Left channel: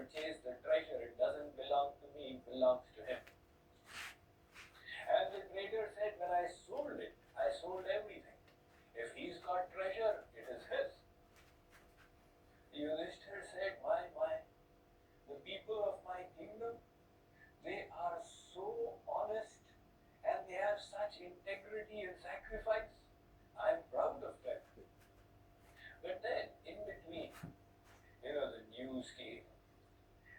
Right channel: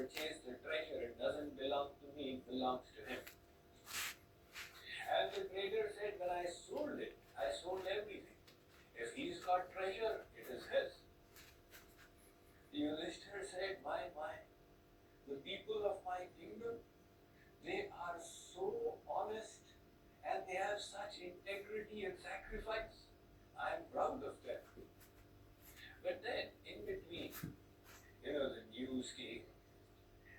purchased the treasure. It doesn't belong to me, it belongs to him. And the trader said, when I sold everything. If he's got treasure, it is his. Yudhishthira said, my, the people of my kingdom, they are so honest and they have such integrity and sacrifice. I'm proud of them. But then, in between, the news came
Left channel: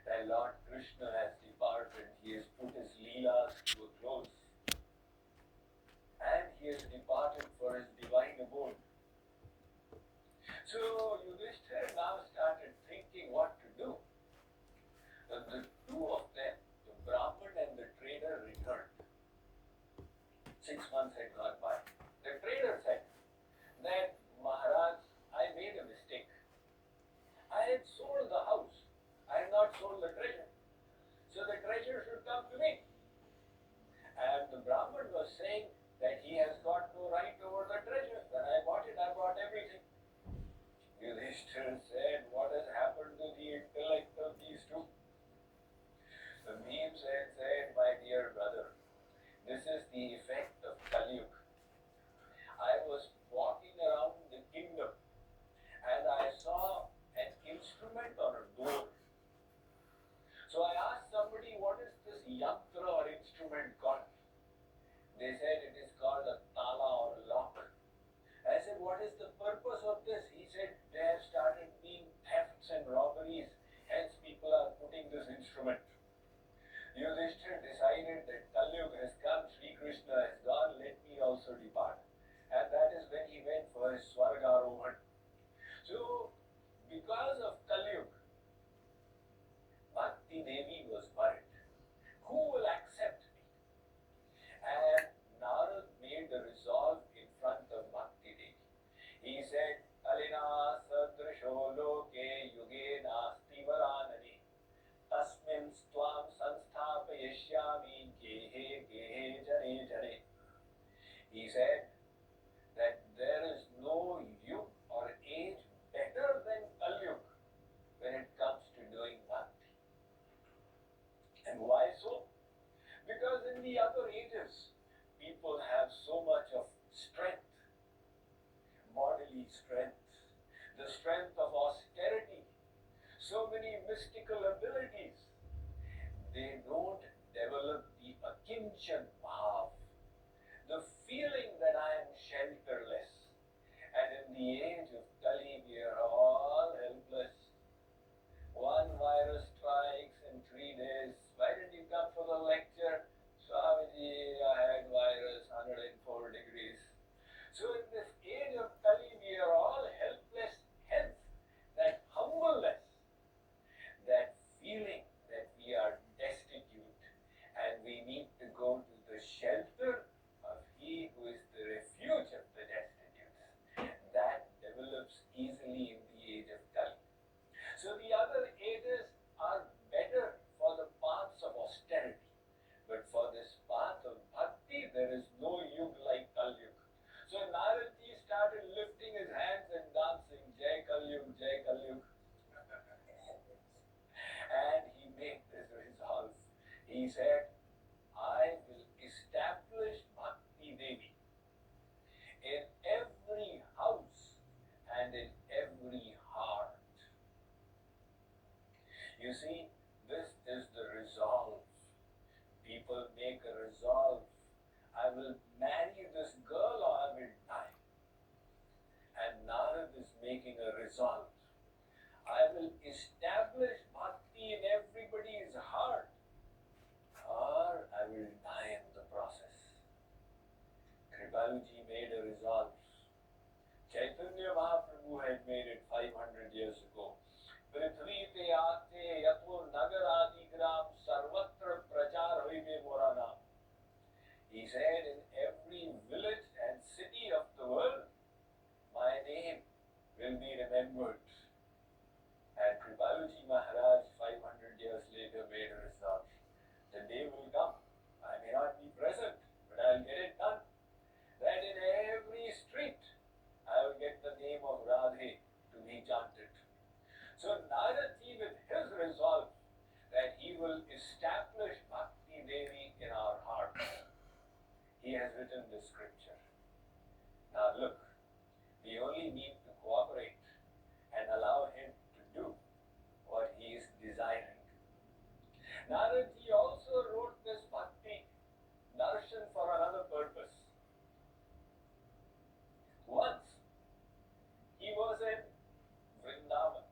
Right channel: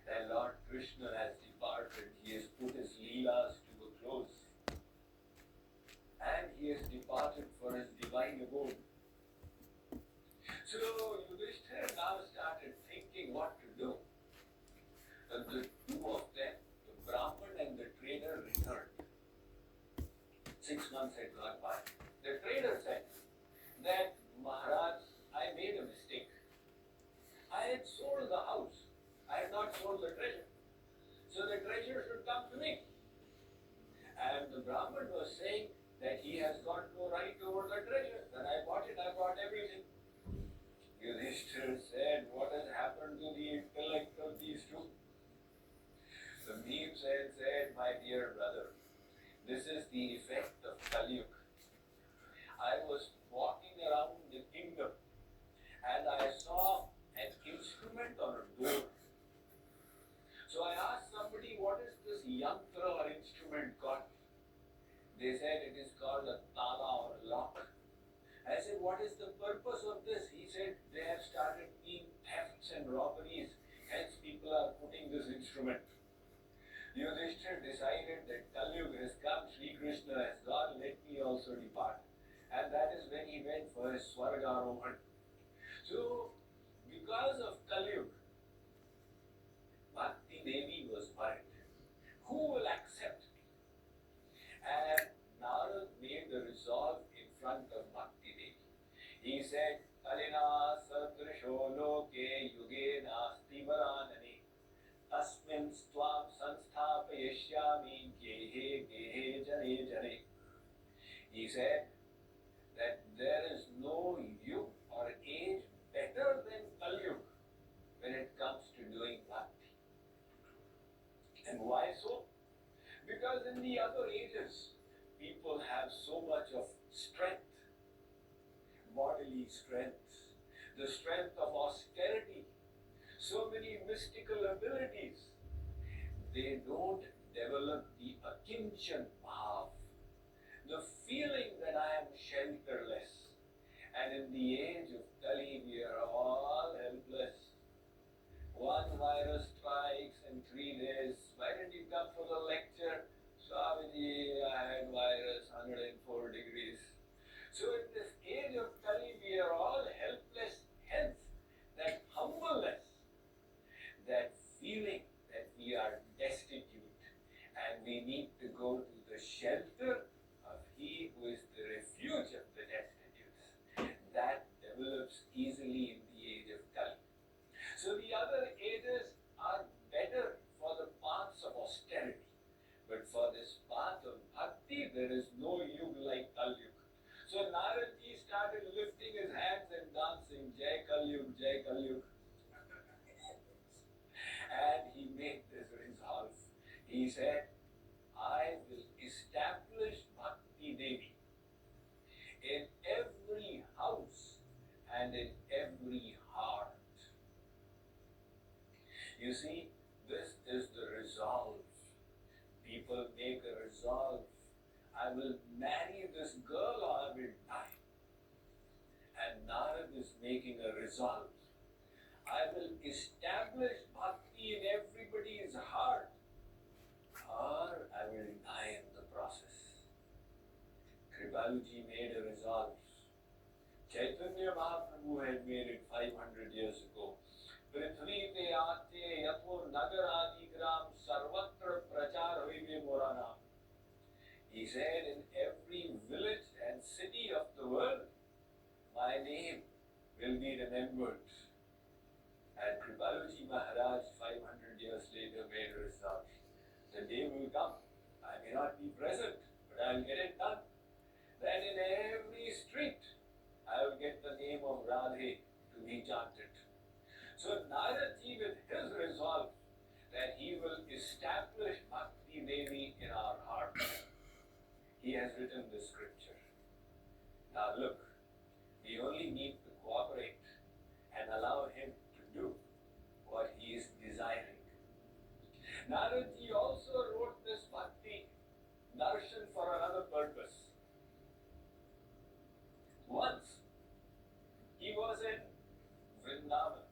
that Lord Krishna has departed. He has put his leelas to a close. And he has departed for his divine abode. So Yudhishthira now started thinking what to do. And the two of them, the Brahmin and the trader, returned. 6 months had gone by. The trader said that, Maharaj, I made a mistake. I had sold the house. I had not sold the treasure. So the treasure should come to me. And the Brahmin was saying that he has got no right over the treasure. When I bought it, I bought everything. Yudhishthira said, what has happened to the intellect of these two? The Bhim said, my dear brother, this is the effect of Kali Yuga. I was walking around the kingdom and I saw an instrument on a door. So I asked somebody, what is this yantra or instrument called? They said it is called a tala or a lock. I said, what is the purpose of this? He said, they have started being thefts and robberies, hence people are putting this instrument. Yudhishthira decided that Kali Yuga has come, Sri Krishna has gone, let me also depart. And that is when he went for his Swargarohan. So, because of Kali Yuga, Bhakti Devi was worried. Who will accept me? And Narad made the resolve in front of Bhakti Devi. He said, Kalina sadrisho loke yuge nasti varanani tasmin stvam sanstapayashyami gehe gehe jane jane. He said that there is no youth or age better than Kali Yuga when it comes to doing bhakti. And why so? Because in the other ages, people have so much of strength, bodily strength, the strength of austerity, so many mystical abilities. They don't develop the akinchan bhav, the feeling that I am shelterless. And in the age of Kali, we are all helpless. One virus strikes in 3 days. Why didn't you come for the lecture? Swamiji, I had virus, 104 degrees. So in this age of Kali, we are all helpless, hence that humbleness, that feeling that we are destitute and we need to go to the shelter of He who is the refuge of the destitutes. That develops easily in the age of Kali. So the other ages are better for the paths of austerity. But for this path of bhakti, there is no yuga like Kali Yuga. So Naradji started lifting his hands and dancing, Jai Kali Yuga, Jai Kali Yuga. And he made this resolve. He said, I will establish Bhakti Devi in every house and in every heart. You see, this is the resolve. People make a resolve. I will marry this girl or I will die. And Narad is making a resolve. I will establish bhakti in everybody's heart or I will die in the process. Kripaluji made a resolve. Chaitanya Mahaprabhu had made it 500 years ago. Prithvi te aate yapur nagaradi gram sarvatra prachar hoive morana. He said, in every village and city of the world, my name will be remembered. And Kripaluji Narad also wrote this bhakti darshan for another purpose. Once he was in Vrindavan,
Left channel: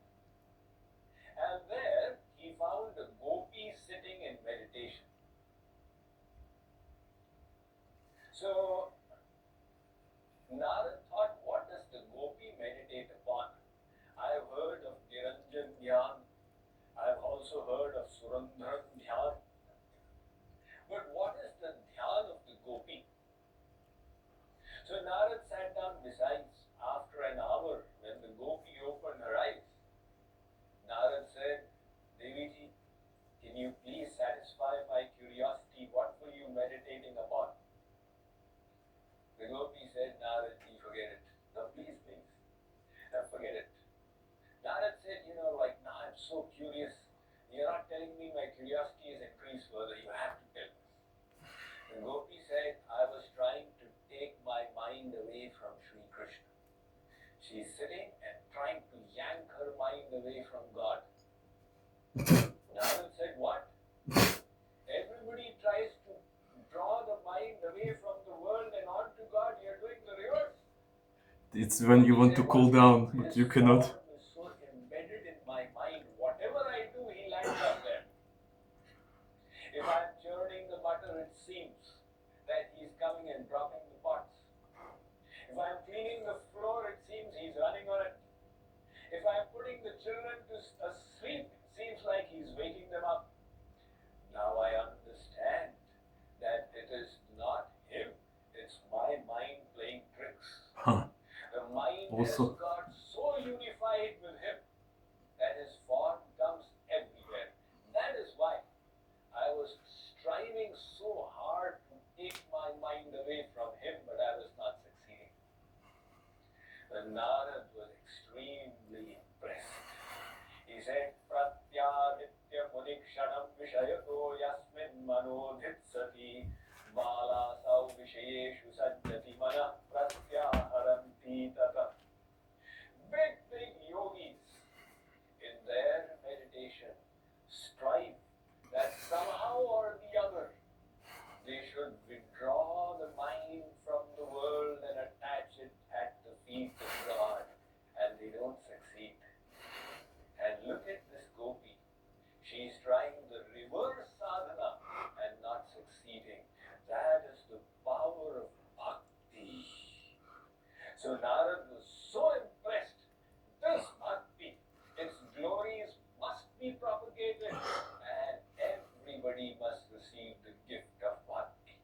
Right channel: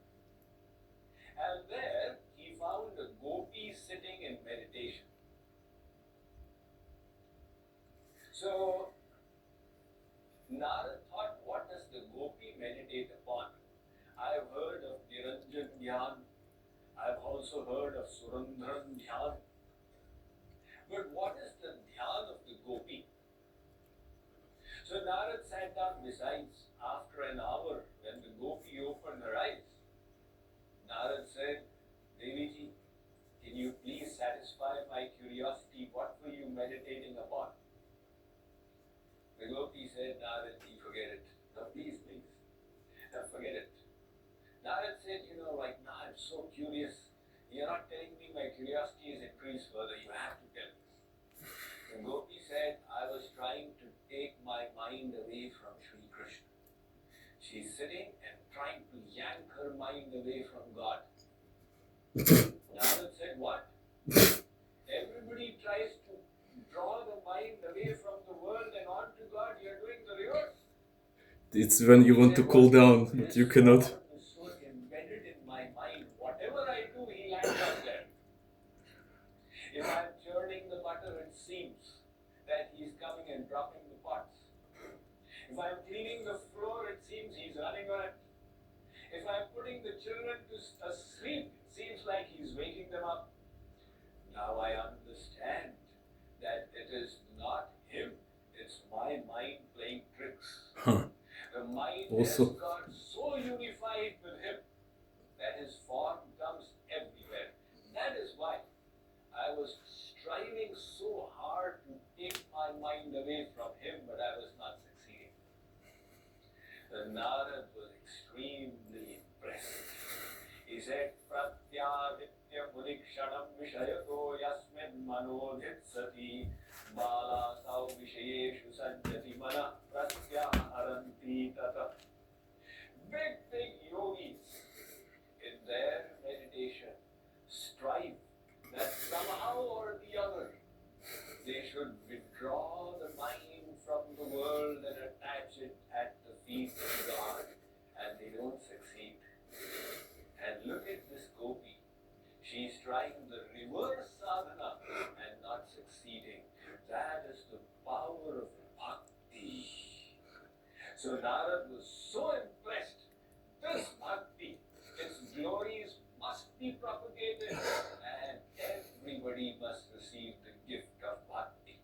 and there he found a gopi sitting in meditation. So Narad thought, what does the gopi meditate upon? I have heard of Niranjan Dhyan. I have also heard of Surandran Dhyan. But what is the dhyan of the gopi? So Narad sat down besides. After an hour, when the gopi opened her eyes, Narad said, Deviji, can you please satisfy my curiosity? What were you meditating upon? The gopi said, Narad, forget it. No, please, please. No, forget it. Narad said, right now I'm so curious. You're not telling me, my curiosity is increased further. You have to tell me. The gopi said, I was trying to take my mind away from Sri Krishna. She's sitting and trying to yank her mind away from God. Narad said, what? Everybody tries to draw the mind away from the world and onto God. You're doing the reverse. It's when you want to cool down, but you cannot. Is so embedded in my mind. Whatever I do, he lands up there. If I'm churning the butter, it seems that he's coming and dropping the pots. If I'm cleaning the floor, it seems he's running on it. If I'm putting the children to sleep, it seems like he's waking them up. Now I understand that it is not him, it's my mind playing tricks. The mind Also. has got so unified with him that his form comes everywhere. That is why I was striving so hard to take my mind away from him, but I was not succeeding. The Narad was extremely impressed. He said, Pratyavitya Mudikshanam Vishayato Yasmin Manodhit Sati Balasau Vishayeshu Sanjati Mana Pratyaharanti Tata. Big yogis in their meditation strive that somehow or the other they should withdraw the mind from the world and attach it at the feet of God, and they don't succeed. And look at this gopi. She's trying the reverse sadhana and not succeeding. That is the power of bhakti. So Narad was so impressed. This bhakti, its glories must be propagated, and everybody must receive the gift of bhakti.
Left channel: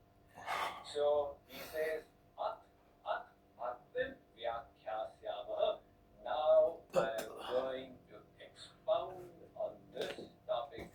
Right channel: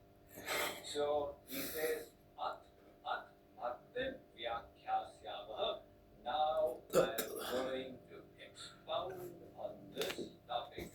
So he says, bhaktin vyakhyāsyāmah. Now I am going to expound on this topic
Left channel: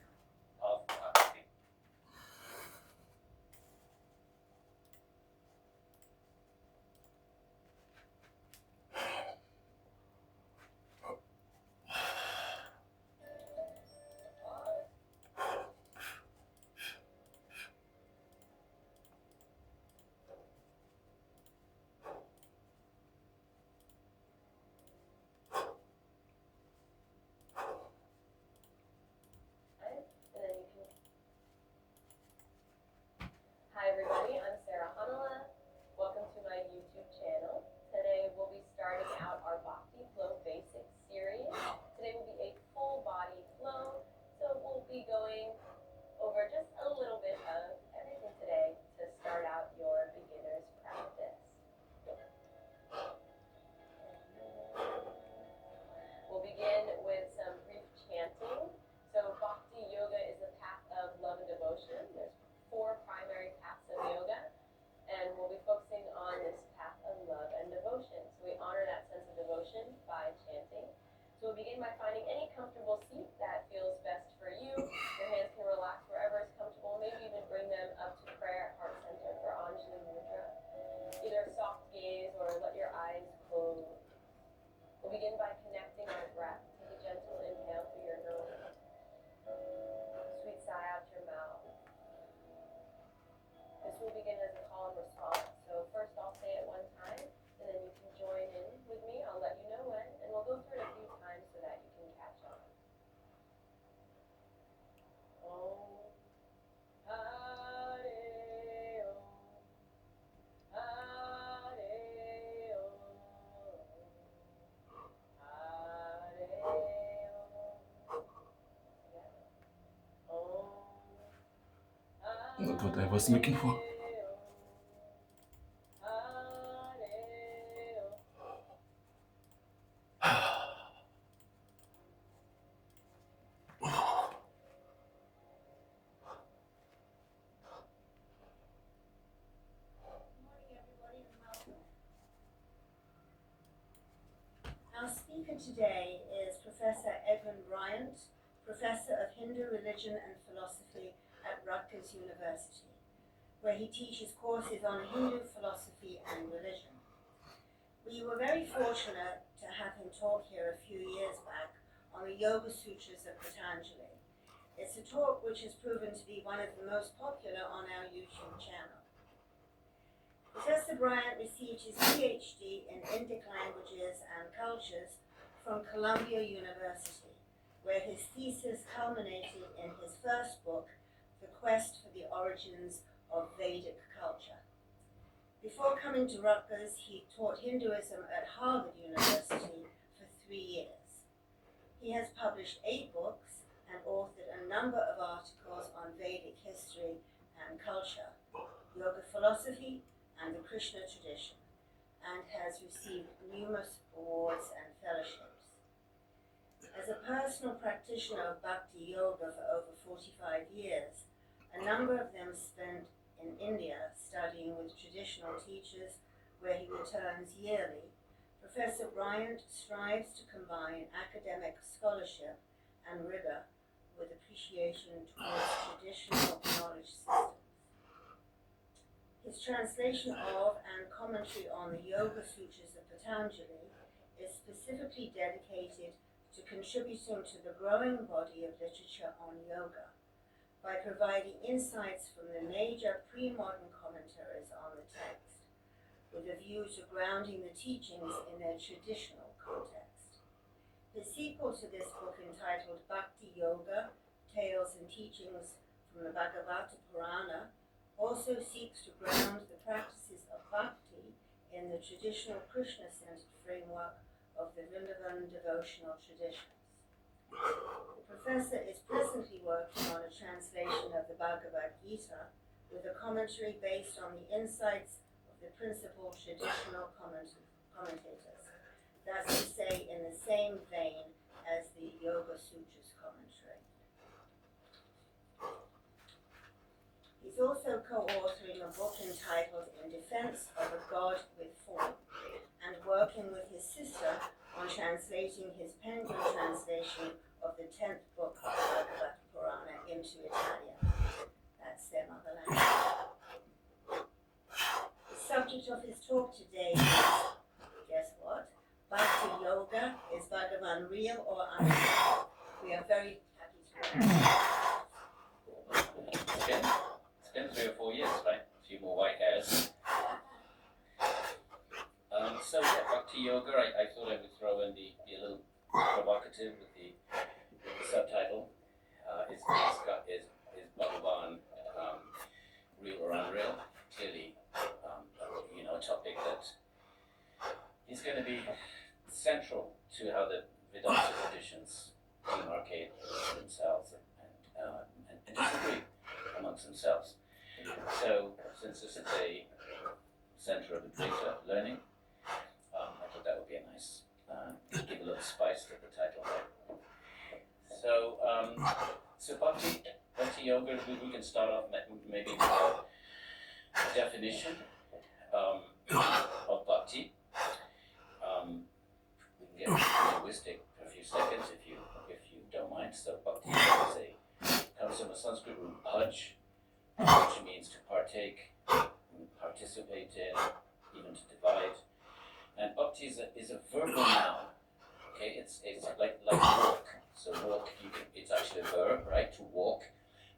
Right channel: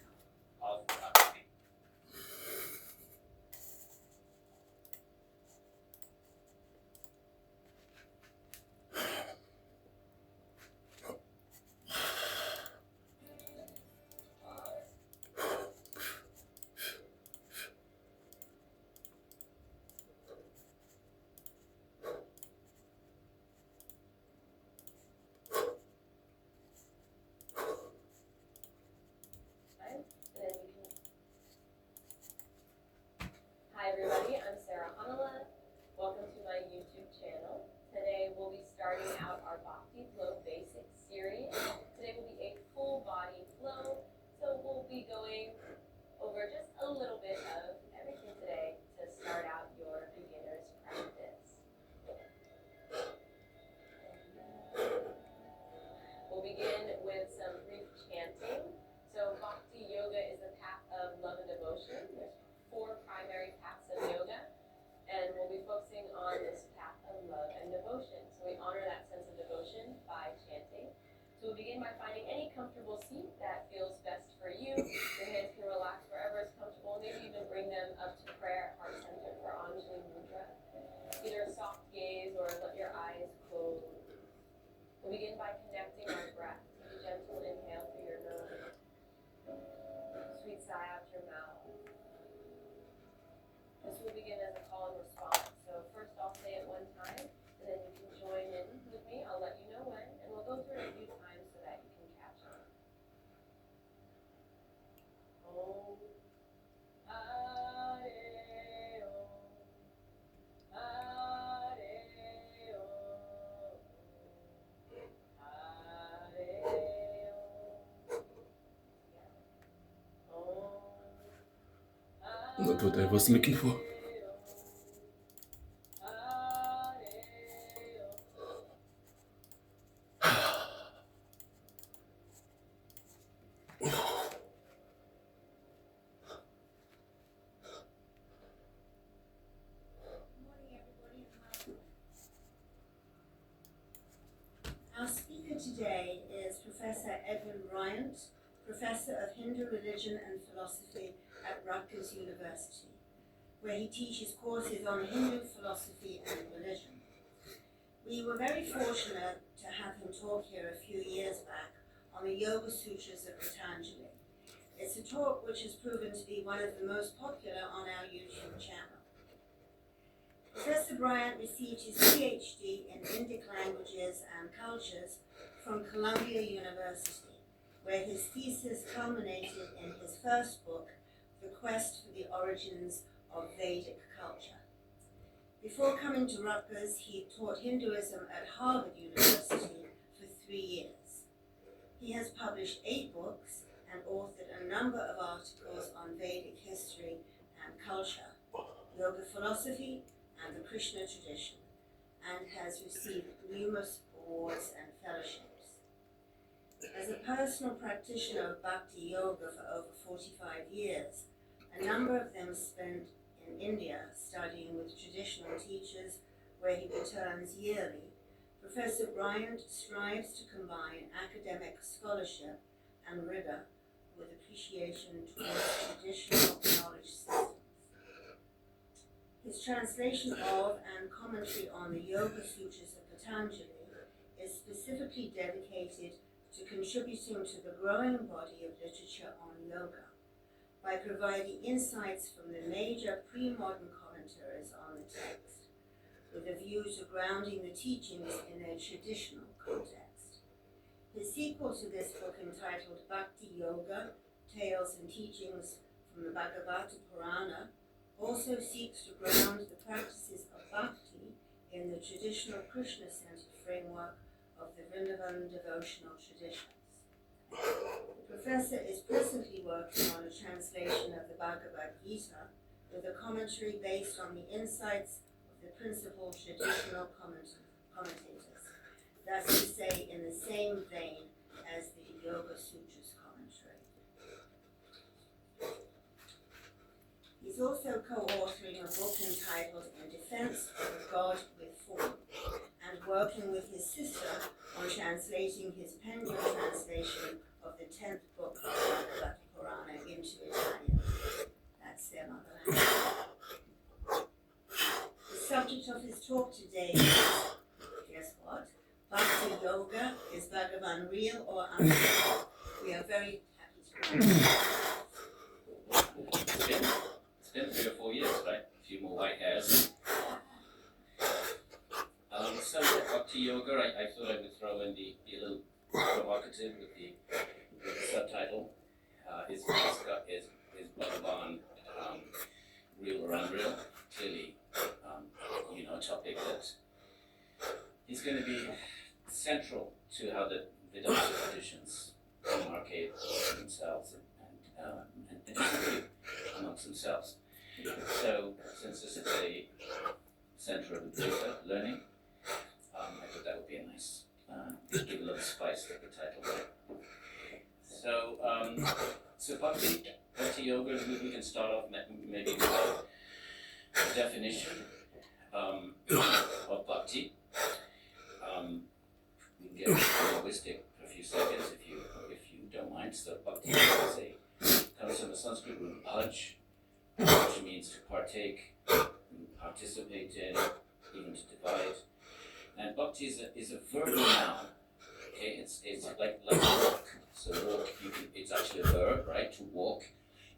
Not what I was looking for. Our speaker today is Professor Edwin Bryant, Professor of Hindu Religion and Philosophy at Rutgers University, where he teaches courses on Hindu philosophy and religion. We were very fortunate to have him talk here a few years back on the Yoga Sutras of Patanjali. It's a talk which has proven to be one of the most popular on our YouTube channel. Professor Bryant received his PhD in Indic languages and cultures from Columbia University, where his thesis culminated in his first book, The Quest for the Origins of Vedic Culture. Before coming to Rutgers, he taught Hinduism at Harvard University for 3 years. He has published 8 books and authored a number of articles on Vedic history and culture, yoga philosophy, and the Krishna tradition, and has received numerous awards and fellowships. As a personal practitioner of Bhakti Yoga for over 45 years, a number of them spent in India studying with traditional teachers, where he returns yearly. Professor Bryant strives to combine academic scholarship and rigor with appreciation towards traditional knowledge systems. His translation of and commentary on the Yoga Sutras of Patanjali is specifically dedicated to contributing to the growing body of literature on yoga by providing insights from the major pre-modern commentaries on the text, with a view to grounding the teachings in their traditional context. His sequel to this book, entitled Bhakti Yoga, Tales and Teachings from the Bhagavata Purana, also seeks to ground the practices of bhakti in the traditional Krishna-centered framework of the Vrindavan devotional traditions. The professor is presently working on a translation of the Bhagavad Gita with a commentary based on the insights of the principal traditional commentators, that's to say, in the same vein as the Yoga Sutras commentary. He's also co-authoring a book entitled In Defense of a God with Form, and working with his sister on translating his Penguin translation of the 10th book of the Bhagavata Purana into Italian. That's their mother language. The subject of his talk today is, guess what? Bhakti Yoga, is Bhagavan real or unreal? We are very happy to welcome him. It's been 3 or 4 years, right? A few more white hairs. So yeah, Bhakti Yoga, I thought I would throw in be a little provocative with the subtitle. Is Bhagavan real or unreal? Clearly, a topic that is going to be central to how the Vedanta traditions demarcate themselves and disagree amongst themselves. So, since this is a center of data learning, I thought that would be a nice, give a little spice to the title there. So Bhakti Yoga, we can start off maybe with a definition of Bhakti. We can get linguistic for a few seconds if you don't mind. So Bhakti comes from the Sanskrit root bhaj, which